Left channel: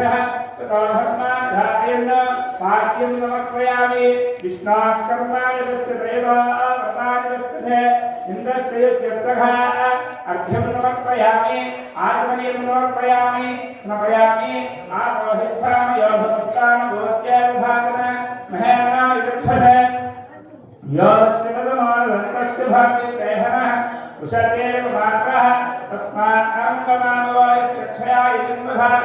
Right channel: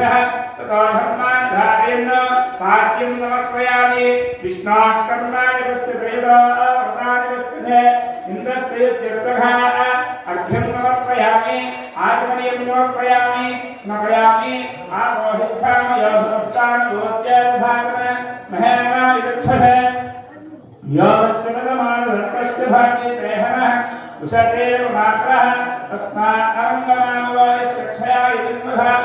भ्रः ततो धर्मान् धारेण पाद्यं नमस्मयामि विष्णात् कर्माणि तस्य दैवानि वस्तुते इन्द्रस्य युज्यर्थः अर्घ्यं नमस्मयामि आत्मनीयं नमस्मयामि स्मपयामि आपोहिष्ठामयोस्तानभूत्याभावन महेनायुक्षः योश्चमानस्य भागे देहः उषते मात्रः तस्मात् अङ्गमानवायस्य क्षया इन्द्रः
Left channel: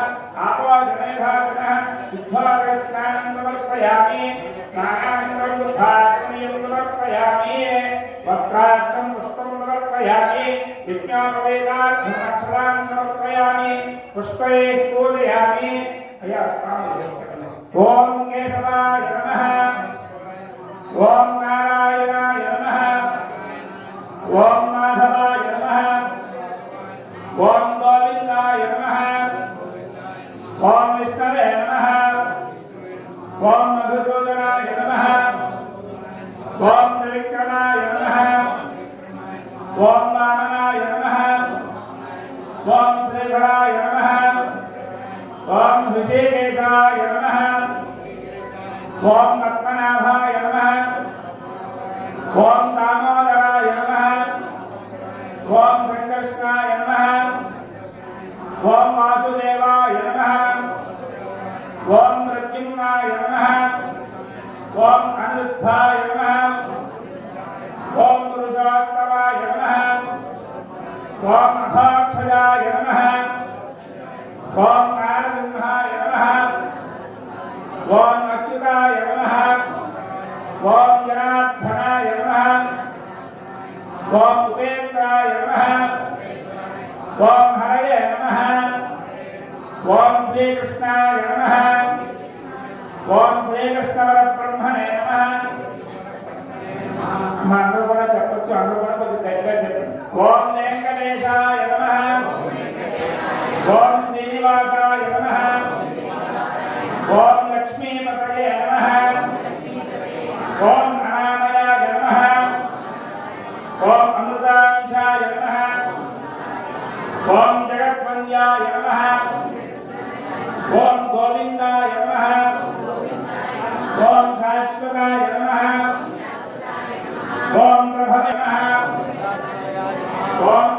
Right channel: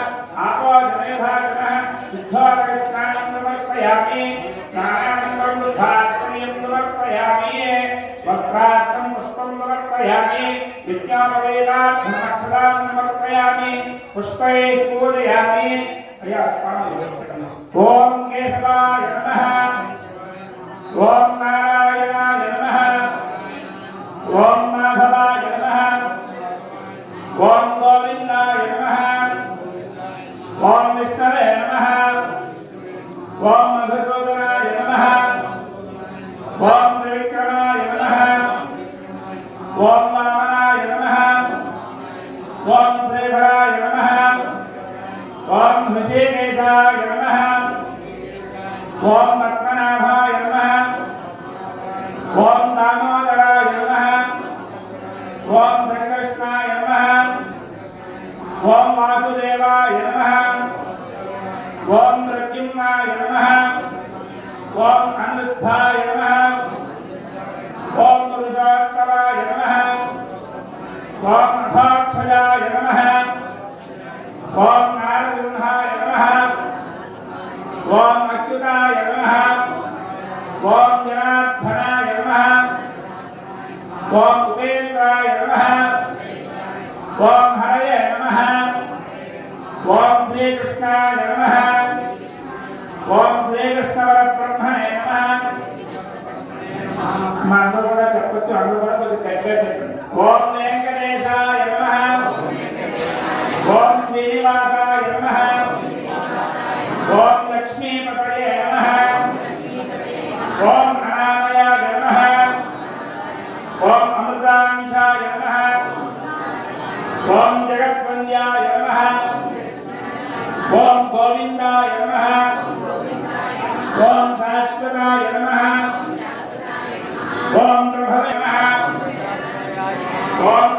आपो जने भागनः समर्पयामि स्नानानन्तरं बुद्धात्मनीयं समर्पयामि वस्त्रार्थं पुष्पं समर्पयामि विज्ञापवेदार्थमक्षरां समर्पयामि पुष्पैः पूजयामि ॐ केशवाय नमः। ॐ नारायणाय नमः। ॐ ॐ पद्मनाभाय नमः। ॐ दामोदराय नमः। ॐ श्रीकृष्णाय नमः। ॐ वासुदेवाय नमः। ॐ प्रद्युम्नाय नमः। ॐ अनिरुद्धाय नमः। ॐ पुरुषोत्तमाय नमः। ॐ अथाक्षयाय नमः। ॐ శ్రీమద్వికాయ నమ. ఓం జనార్దనాయ నమ. ఓం ఉపేంద్రాయ నమ. ఓం హరయ నమ. ఓం శ్రీకృష్ణాయ నమ. ఓం శ్రీకృష్ణవర బ్రహ్మణే నమ అందరూ కూడా చెప్పచ్చు అందరూ కూడా కొద్దిగా చెప్పండి. ఓం వెంకటేశాయ జగద్వంద్యాయ నమః. ఓం గోవిందాయ నమః. ఓం శాశ్వతాయ నమః. ఓం ప్రభవే ఓం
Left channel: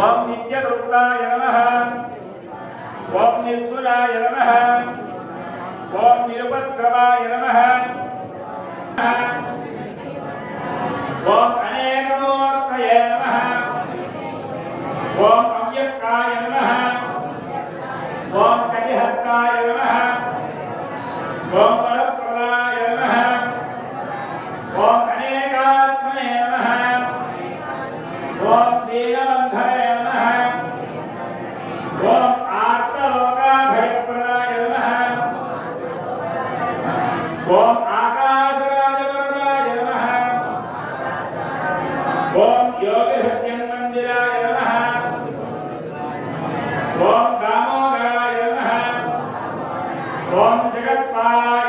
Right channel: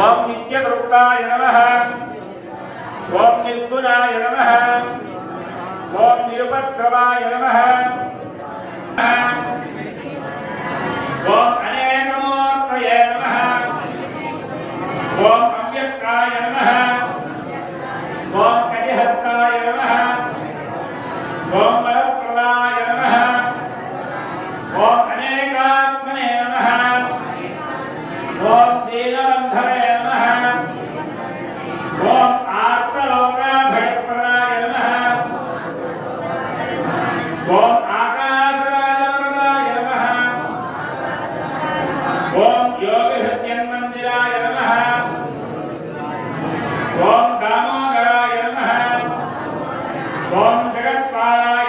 ఓం నిత్యకృతాయ నమ. ఓం నిర్గుణాయ నమ. ఓం నిరుపద్రవాయ నమ. ఓం Bye.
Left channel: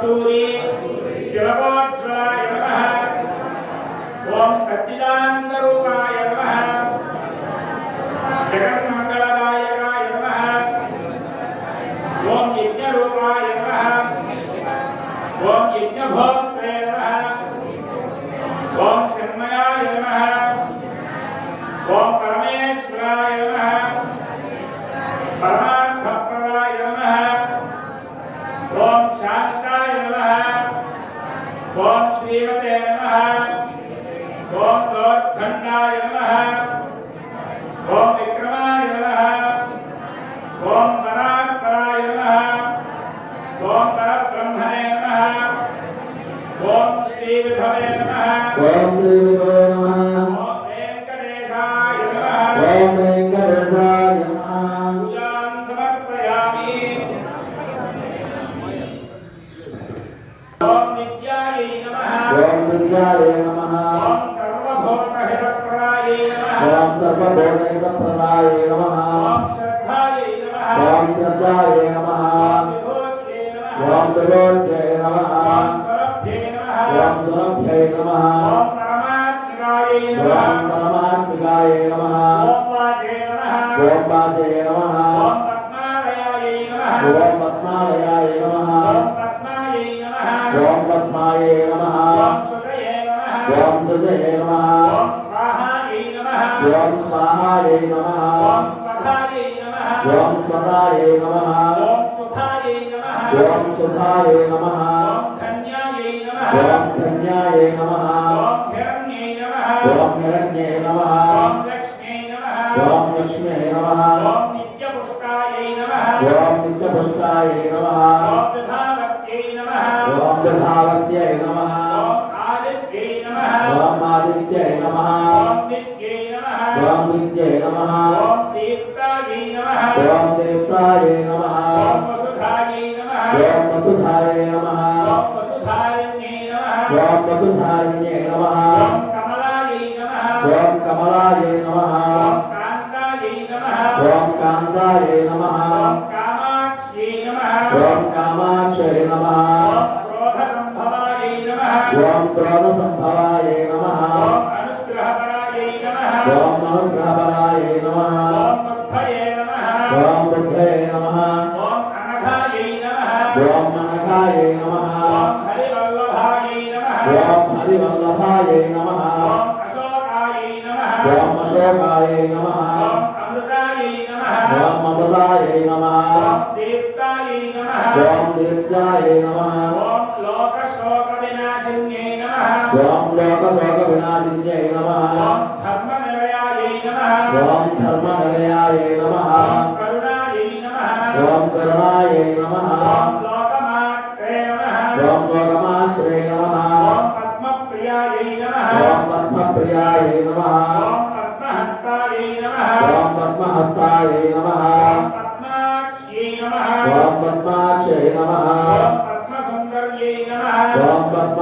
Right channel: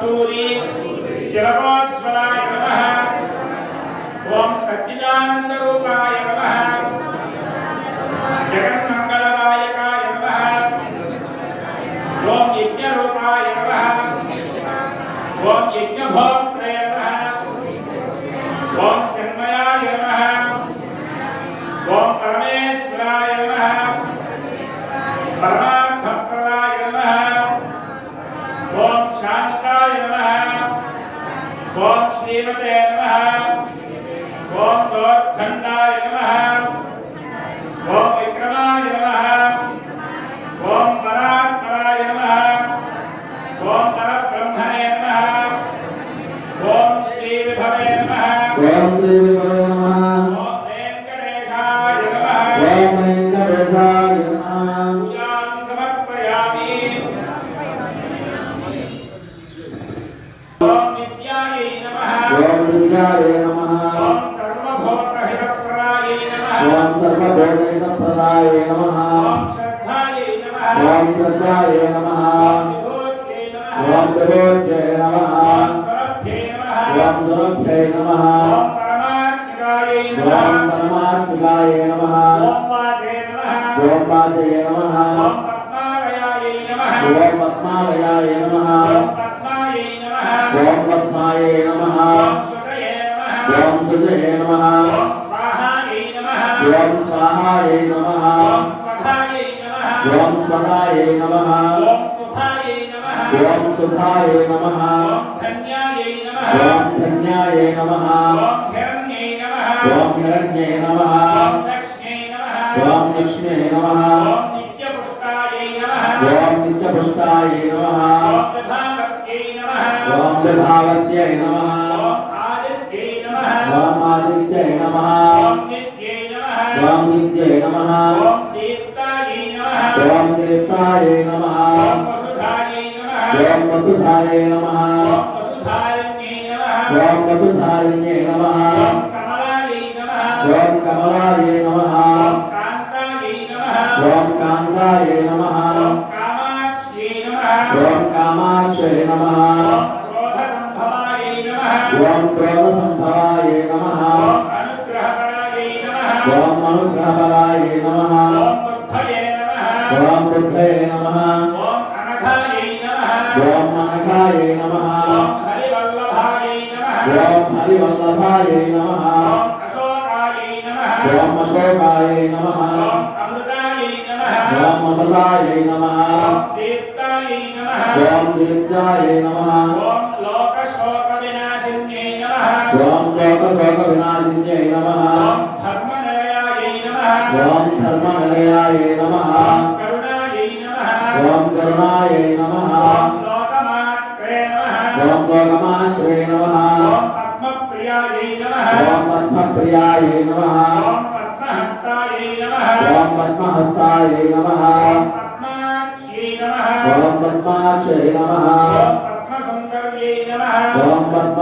కస్తూరి కిరణోజ్వలాయ నమ ఓం సచ్చిదానంద నమ జగన్ ఓం శ్రీమతే నమ. ఓం గోర్ధన్నాయ నమ. ఓం విక్రమాయ నమ. ఓం పరాత్పరాయ నమ. ఓం పరబ్రహ్మణే నమ. ఓం శ్రీ విభవే నమ. ఓం వెంకటేశాయ నమ. ఓం వెంకటేశాయ నమ. సూర్యాయ నమ. ఓం సర్వభోగైకప్రదాయ నమ. ఓం శ్రద్ధాయ నమ. ఓం విరోధ్యయ నమ. ఓం సురభ్యై నమ. ఓం పరమాత్మికాయ పద్మాయ నమ. ఓం సుజయ నమ. ఓం స్వాహాయ నమ. ఓం స్వదాయ నమ. ఓం సుధాయ నమ. ఓం ధన్యాయ నమ.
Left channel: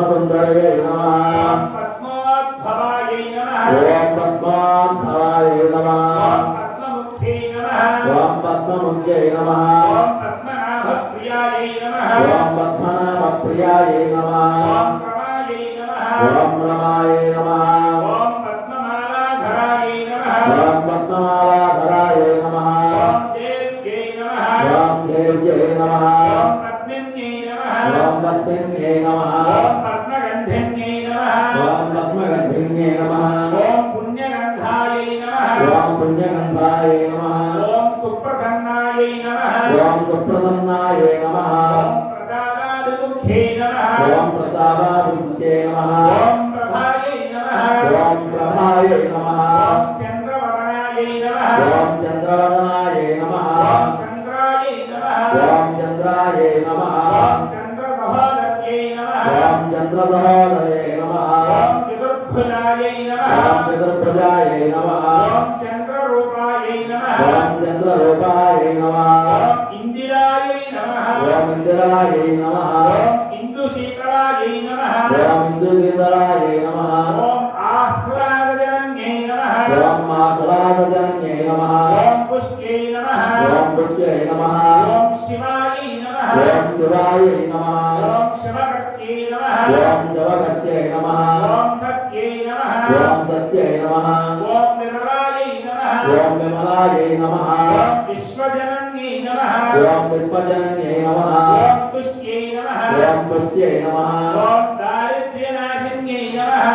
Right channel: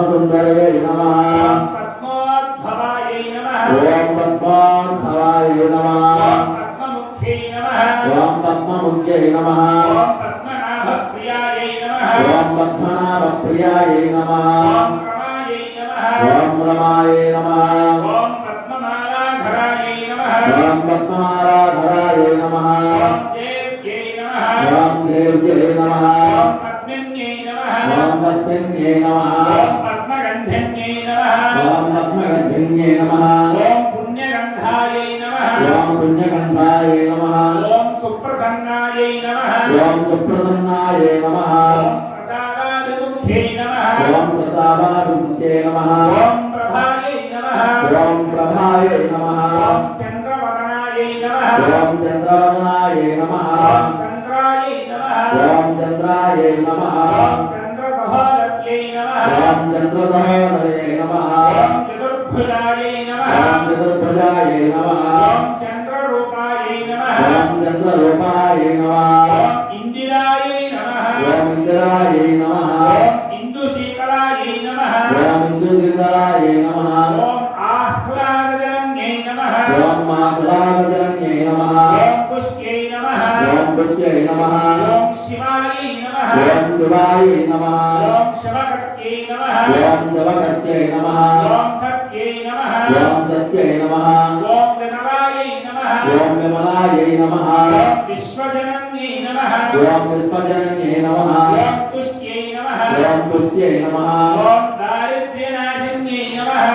Mother Mary.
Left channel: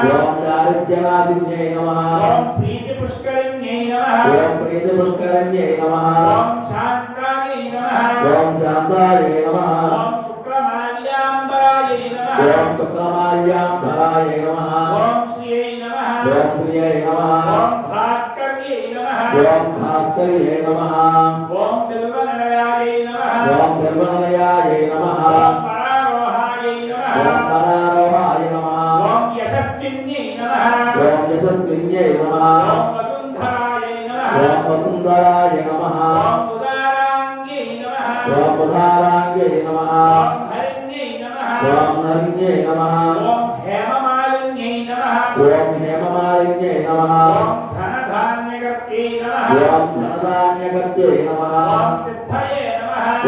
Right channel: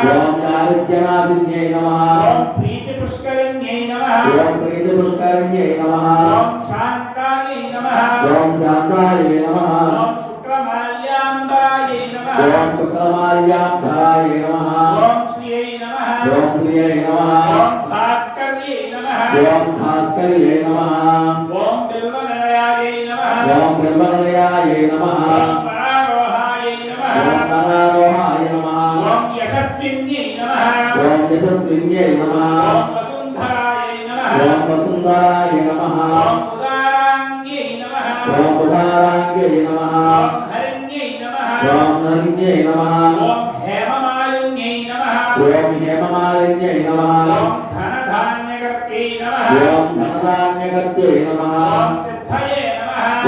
ఓం దారిద్ర్యనాథిన్యై నమః. ఓం ప్రీతి పుష్కరిణ్యై నమః. ఓం ప్రీతి పుష్కరిణ్యై నమః. ఓం శాంతాయై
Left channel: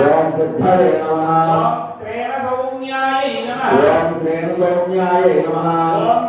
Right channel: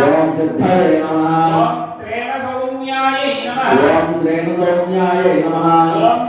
ఓం సిద్ధాయ నమ ఓం శ్రేణ సౌమ్యాయ నమ ఓం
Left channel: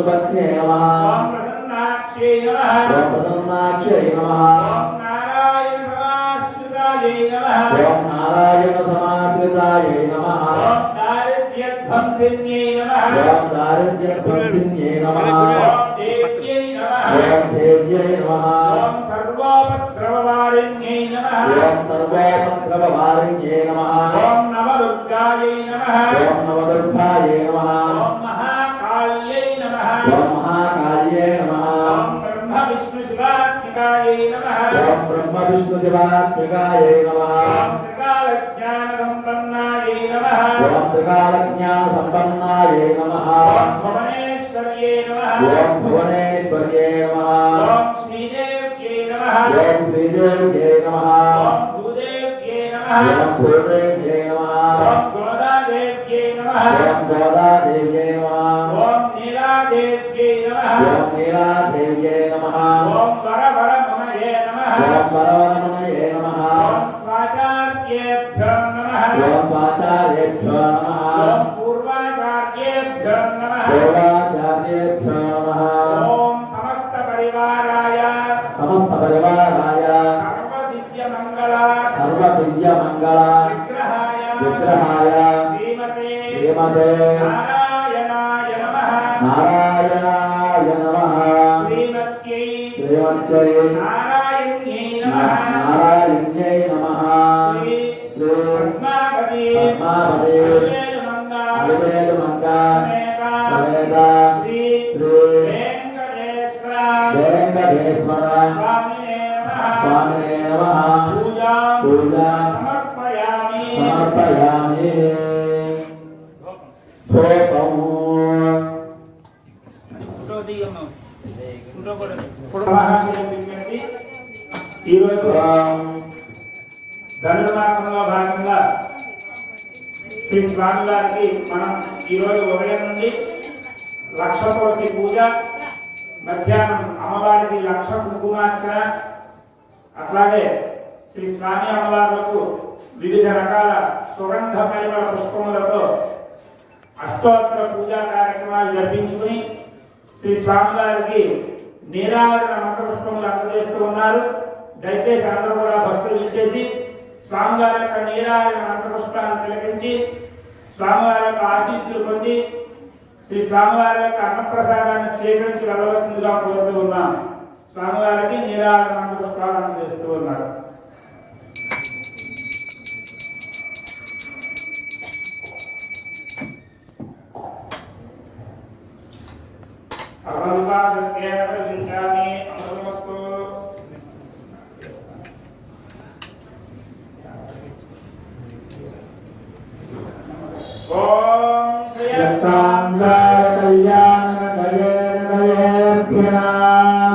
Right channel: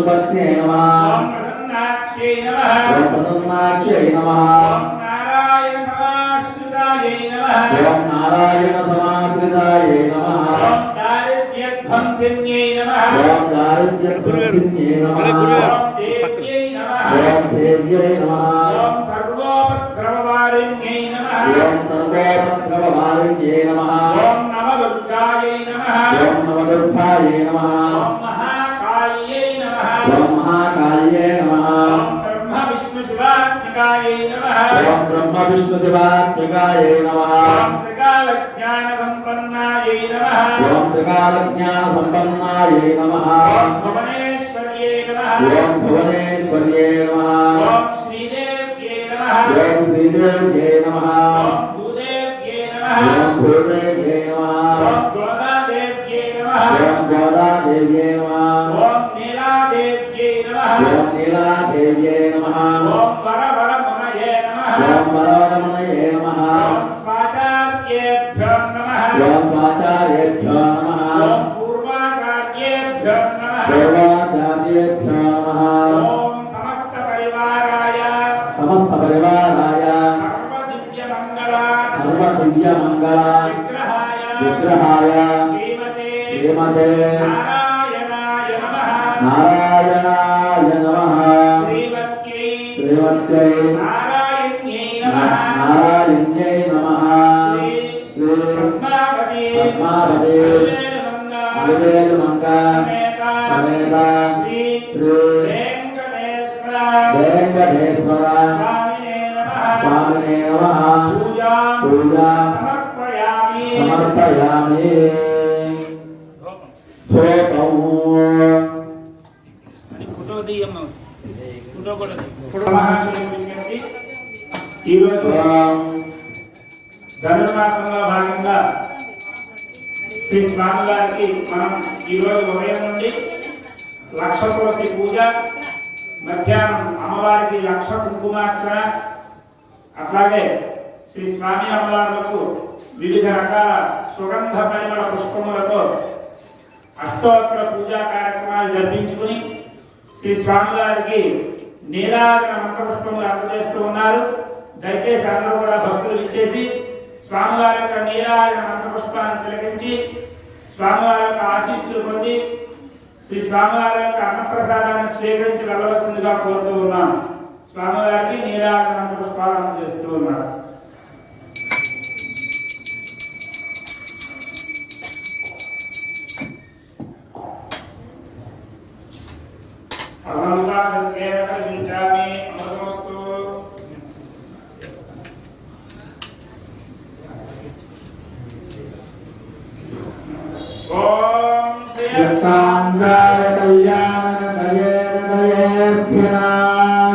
సుభద్రే నమ. ఓం ప్రసన్నాక్షే నమ. ఓం నారాయణ సమాశ్రితాయ నమ. ఓం దారిద్ర్యధ్వంసిన్యై నమ. ఓం దారిద్ర్యధ్వంసిన్యై నమ. ఓం దేవ్యై నమ. ब्रह्मकाये नमः ब्रह्म विष्णु शिवात्मकाये नमः ओम ब्रह्म विष्णु शिवात्मकाये नमः त्रिकाल ज्ञान संपन्नाये नमः ओम त्रिकाल ज्ञान संपन्नाये नमः ओम भुवनेश्वर्ये नमः ओम भुवनेश्वर्ये नमः ओम श्रीदेव्ये नमः ओम श्रीदेव्ये नमः ओम भूदेव्ये नमः ओम भूदेव्ये శ్రీ వెంకటేశ్వర స్వామి పూజ సమర్పయామి ఈరోజు ధనుర్మాసంలో భాగంగా శ్రీ స్వామి గారికి మనం ఈరోజు ఉదయం నుండి లక్ష కోటి పూజ మధ్యాహ్నం అమ్మవారికి లక్ష కుంకుమార్చన అట్లాగే శ్రీ స్వామి అమ్మవార్లకు వివిధ రకాల సుగంధ పరిమళ పుష్పములతో అష్టోత్తర పూజా కార్యక్రమాలు జరిపించుకుని శ్రీ స్వామివారికి నీరాజన మంత్ర పుష్పములు అందజేస్తూ ఉన్నారు. దయచేసి అందరూ కూడా భక్తులు ఇచ్చేసి స్వామివారి యొక్క నీరాజన మంత్రపుష్పాన్ని తిలకించి స్వామివారి యొక్క ఆశీస్సులు పొంది శ్రీ స్వామివారి యొక్క అన్నప్రసాదాన్ని స్వీకరించి వెళ్ళవలసిందిగా కోరుతూ ఉన్నాం. స్వామివారికి నీరాకరణ మంత్ర చేస్తూ ఉన్నారు. పరమల్లాసంకేన ప్రచించామి అమృతమస్తు ఓం శ్రీ యక్కాంగాయ కళ్యాణ కయేర్భ్యనా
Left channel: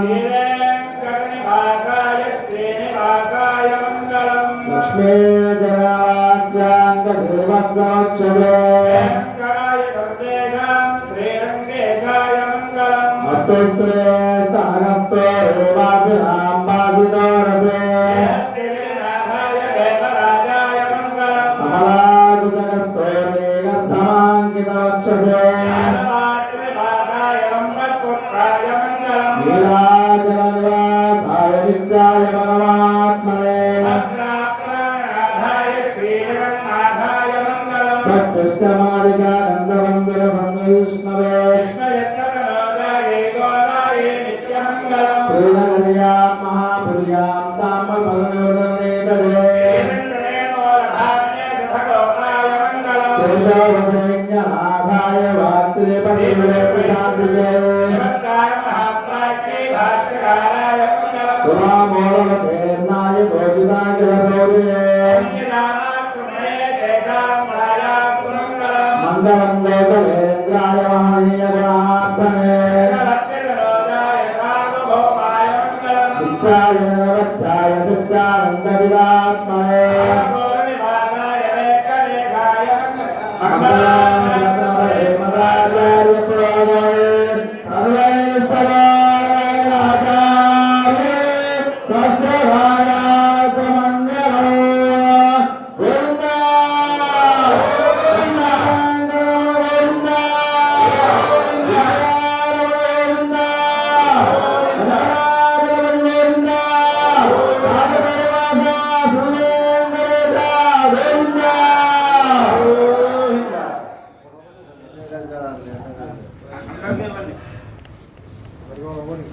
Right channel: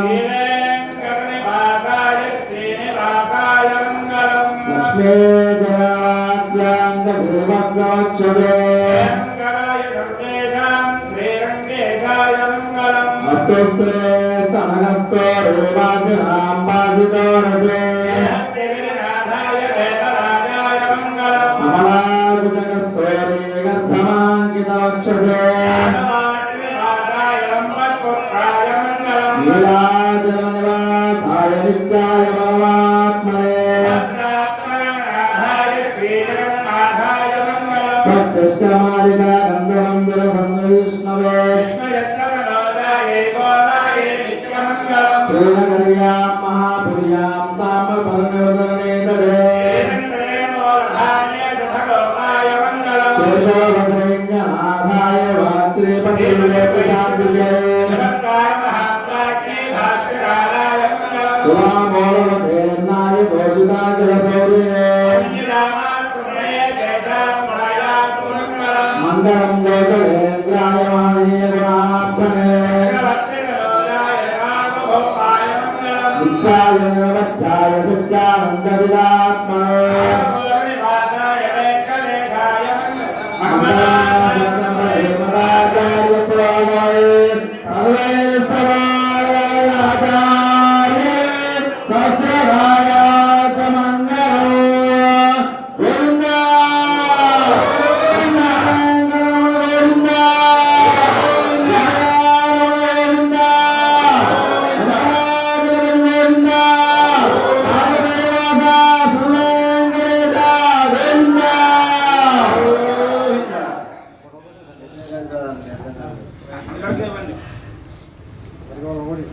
శ్రీవేంకటనివాసాయ శ్రీనివాసాయ మంగళం లక్ష్మీజయాజ్యాంగ ధ్రువగోచ్చరే వెంకటాయ సర్వేషాం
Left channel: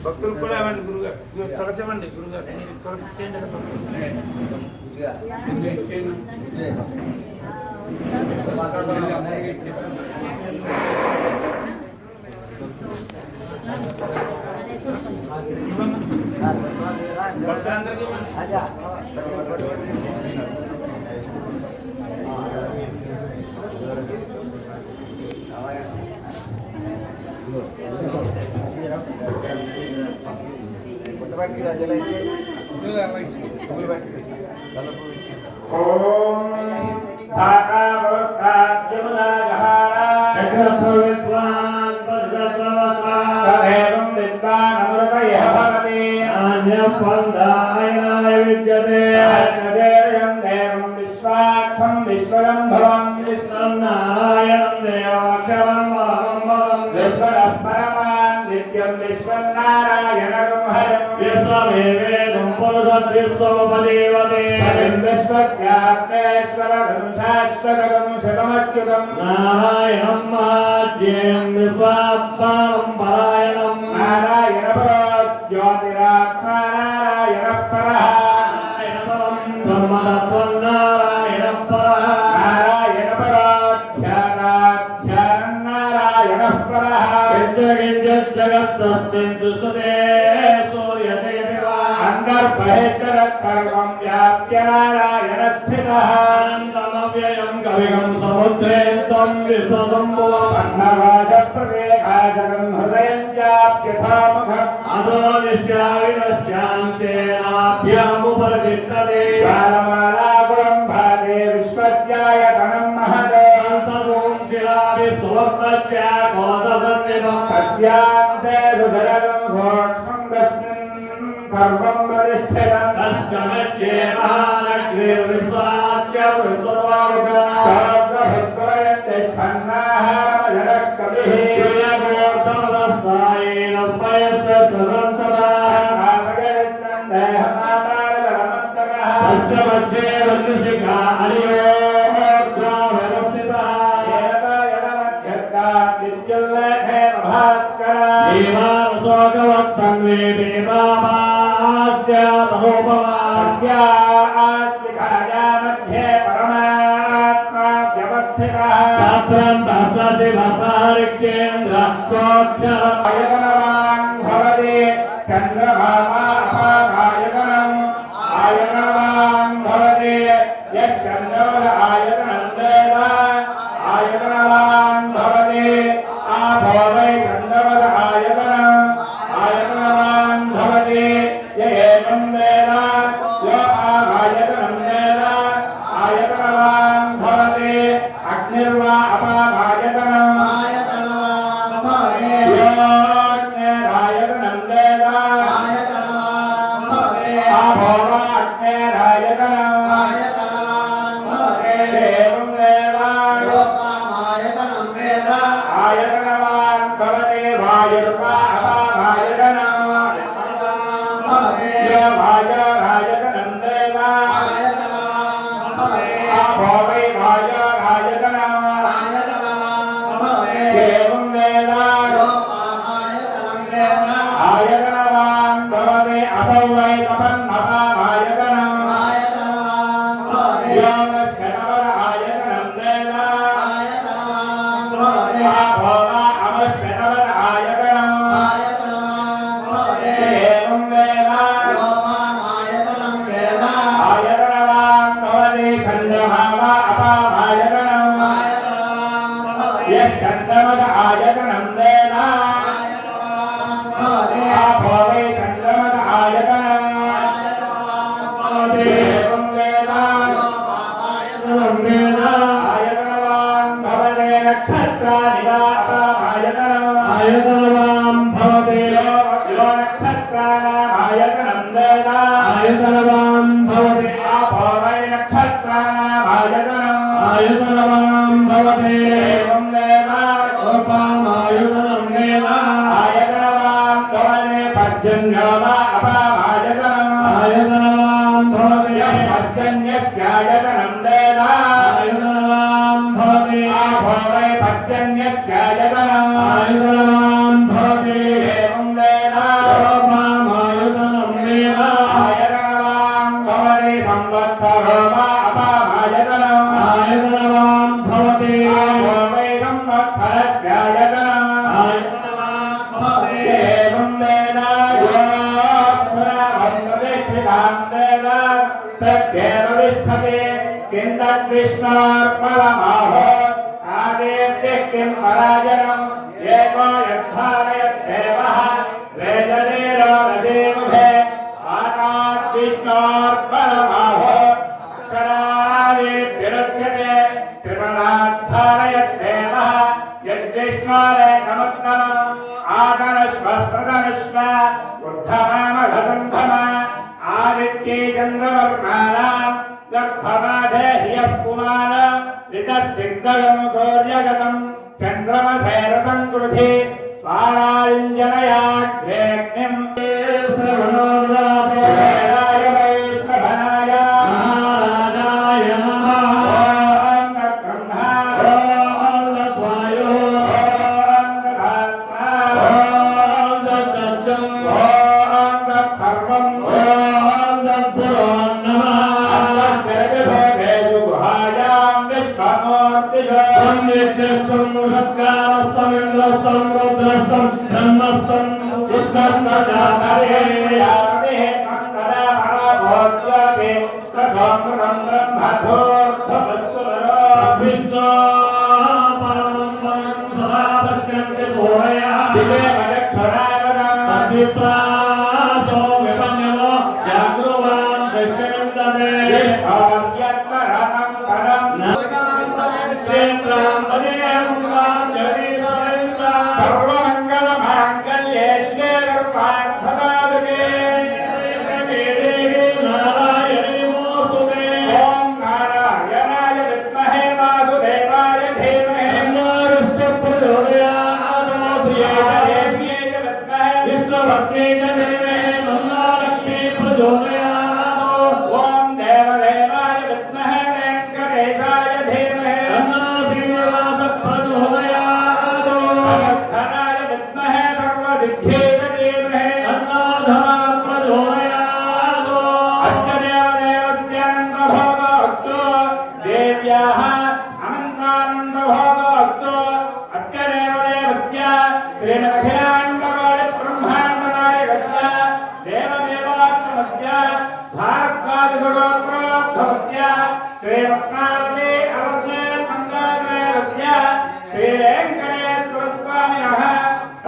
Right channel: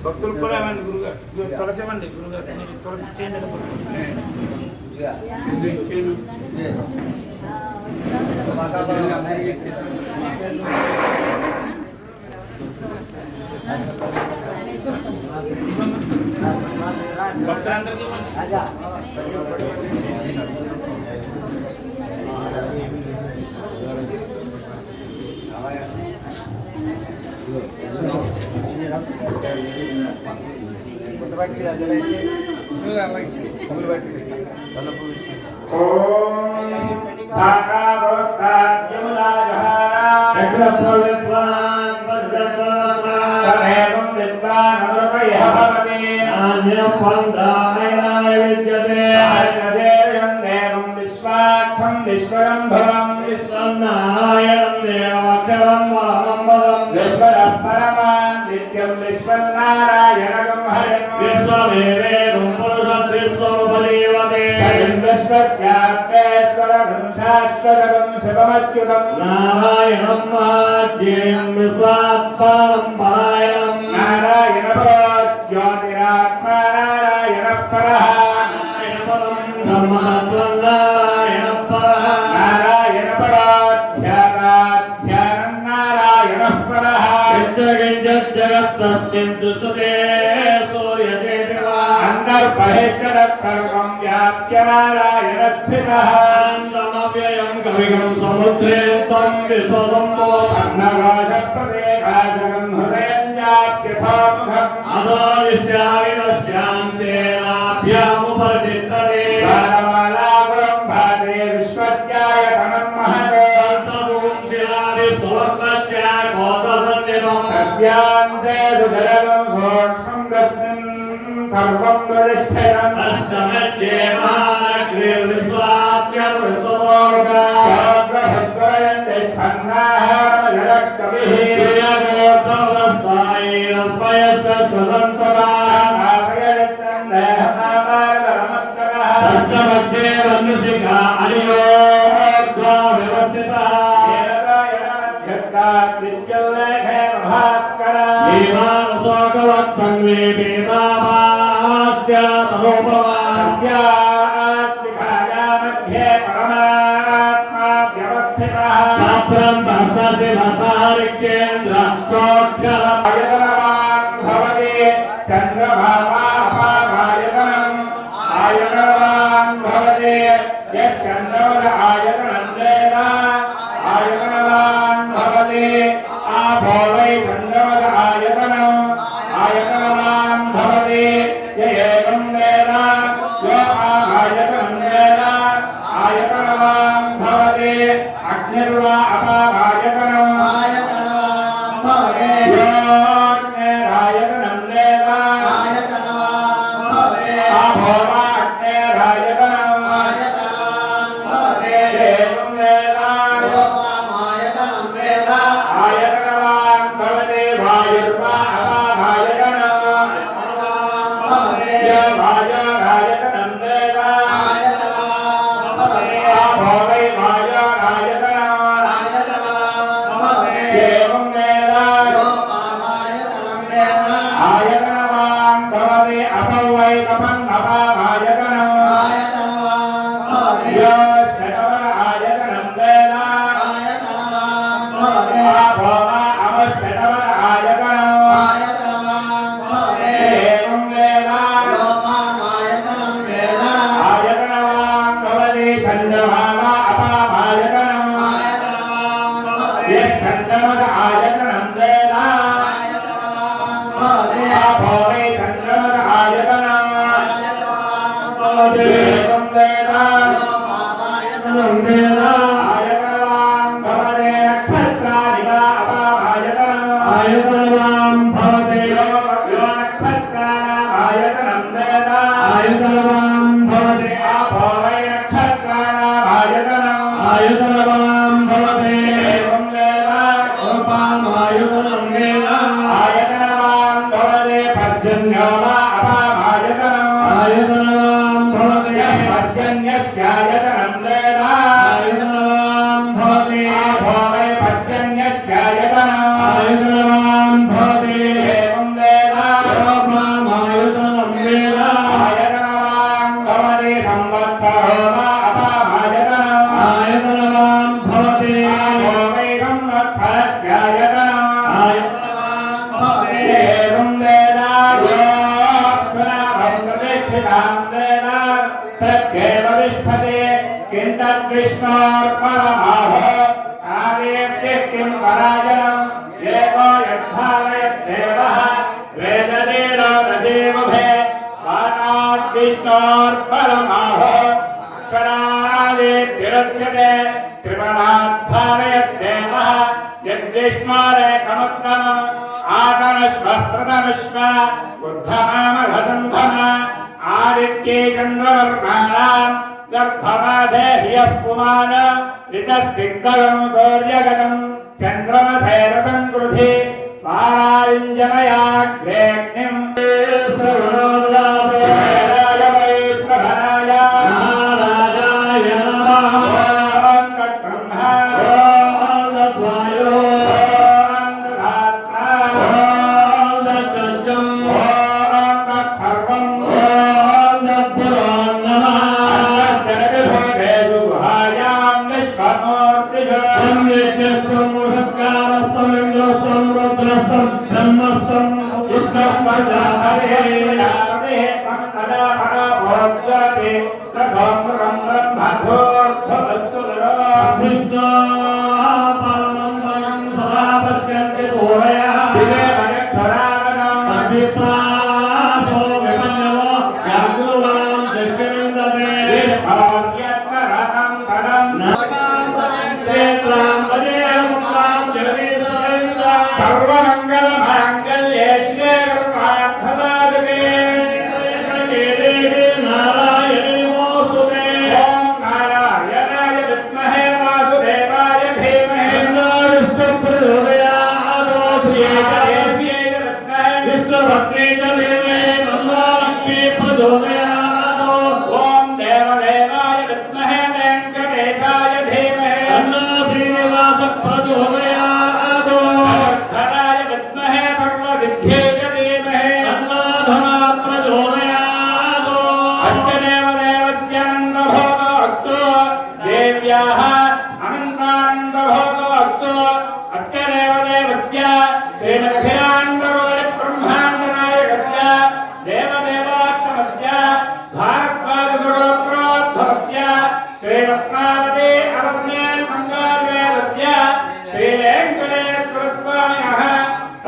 భక్తులు కూడా ఇవ్వండి గురుగారు ఇదిగో తులసి ఇవ్వండి గురుగారు మీరు తులసి చేయండి ఇలా భక్తులు. భక్తులందరికీ ఇవ్వండి ఓం తదేవం విద్వానమృతయః భవతి ఆజ్ఞదేయం దేవం విశ్వాక్షం విశ్వరంభవం పరమాన్ నిత్యం హరిం విశ్వస్యాప్తేశ్వరం శాశ్వతం శతమచ్యుతం నారాయణం ఆద్యేయం విశ్వాత్మానం పరాయణం. నారాయణ జ్యోతిరాత్మా నారాయణ పరః బ్రహ్మతత్వం పరః జగత్ సత్యం దుసతే సూర్యదేవా అండ సందర్భేచ్చరత్సర్వం వ్యాప్య నారాయణ స్థితః ఆనందమవ్యయం కవిగం సముద్రేంతం విశ్వసంభవం కోససన్నిభం తస్యాంతే సుజలదం సూక్ష్మం తస్మిన్ సర్వం వరిష్ఠయం తస్సమధ్యే మహానగ్రే విశ్వాస్య విశ్వలోకా ప్రియమోత్తమస్థాయేన స్వయస్త స్వతంత్రా తస్య మధ్యే వన్యశిఖా అనియోగ్రా దేవానశోకవత్తన్వే వేదావాస్య తమోపమా పాత్రం దర్శసి రసారికేంద్ర సోక్షరం ఆయతనవాన్ భవతి చంద్రభామాయతనం ఆయతనవాన్ భవతి యశ్చంద్రవద ఆయతనం వేద ఆయతనవాన్ higher than పురాణం వేద తద్దేవ విష్ఠతే కిందృష్ణార్పణమాహో కార్యేభ్య కిం పరాజనం ఏకో యద్ధారయద్దేవః వేదదేలో నదేముఖే ఆనాద్విష్ణోర్పణమాహో అక్షరావేద్యరక్షతే త్రిపురాద్ధారయద్దేవः యద్విష్ణోరేకముత్తమ ఆకరశ్వ ప్రదనుష్వ ఉద్ధమామఘసంభమ ఆదిత్యే చంద్రవర్ణానాం గర్భమాధే హ్యః పుమాన రితసిద్ధగం సూర్యగతం చంద్రమసేరతం కృధి పారాయుంజనయాగ్నేగ్నిం శ్రవణోదాతే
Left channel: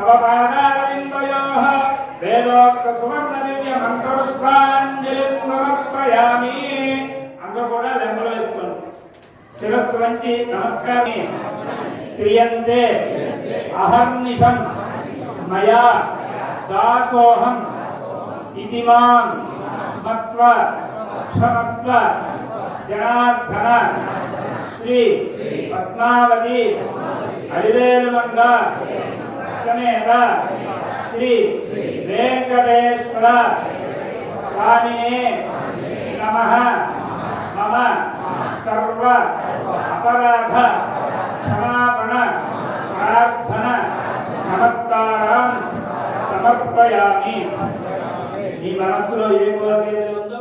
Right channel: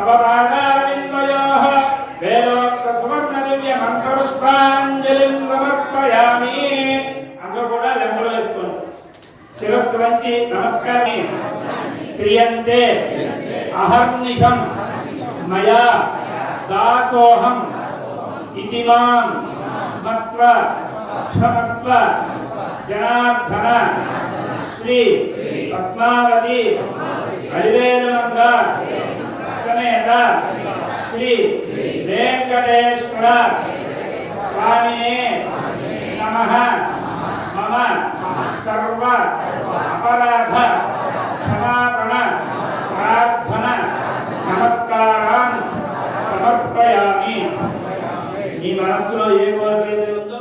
తవ పాదారవిందయోः సమర్పయామి అందరూ కూడా లెంబలు వేసుకోండి. శిరస్సు వంచి నమస్కారం క్రియంతే అహర్నిశం మయా దాసోహం ఇతి మాం మత్వ క్షమస్వ జనార్దన శ్రీ పద్మావతి అడివేలుమంగ సమేత శ్రీ వెంకటేశ్వర స్వామినే నమ మమ సర్వ అపరాధ క్షమాపణ ప్రార్థన నమస్కారాన్ని సమర్పయామి మీ మనస్సులో ఏ కోరిక ఉందో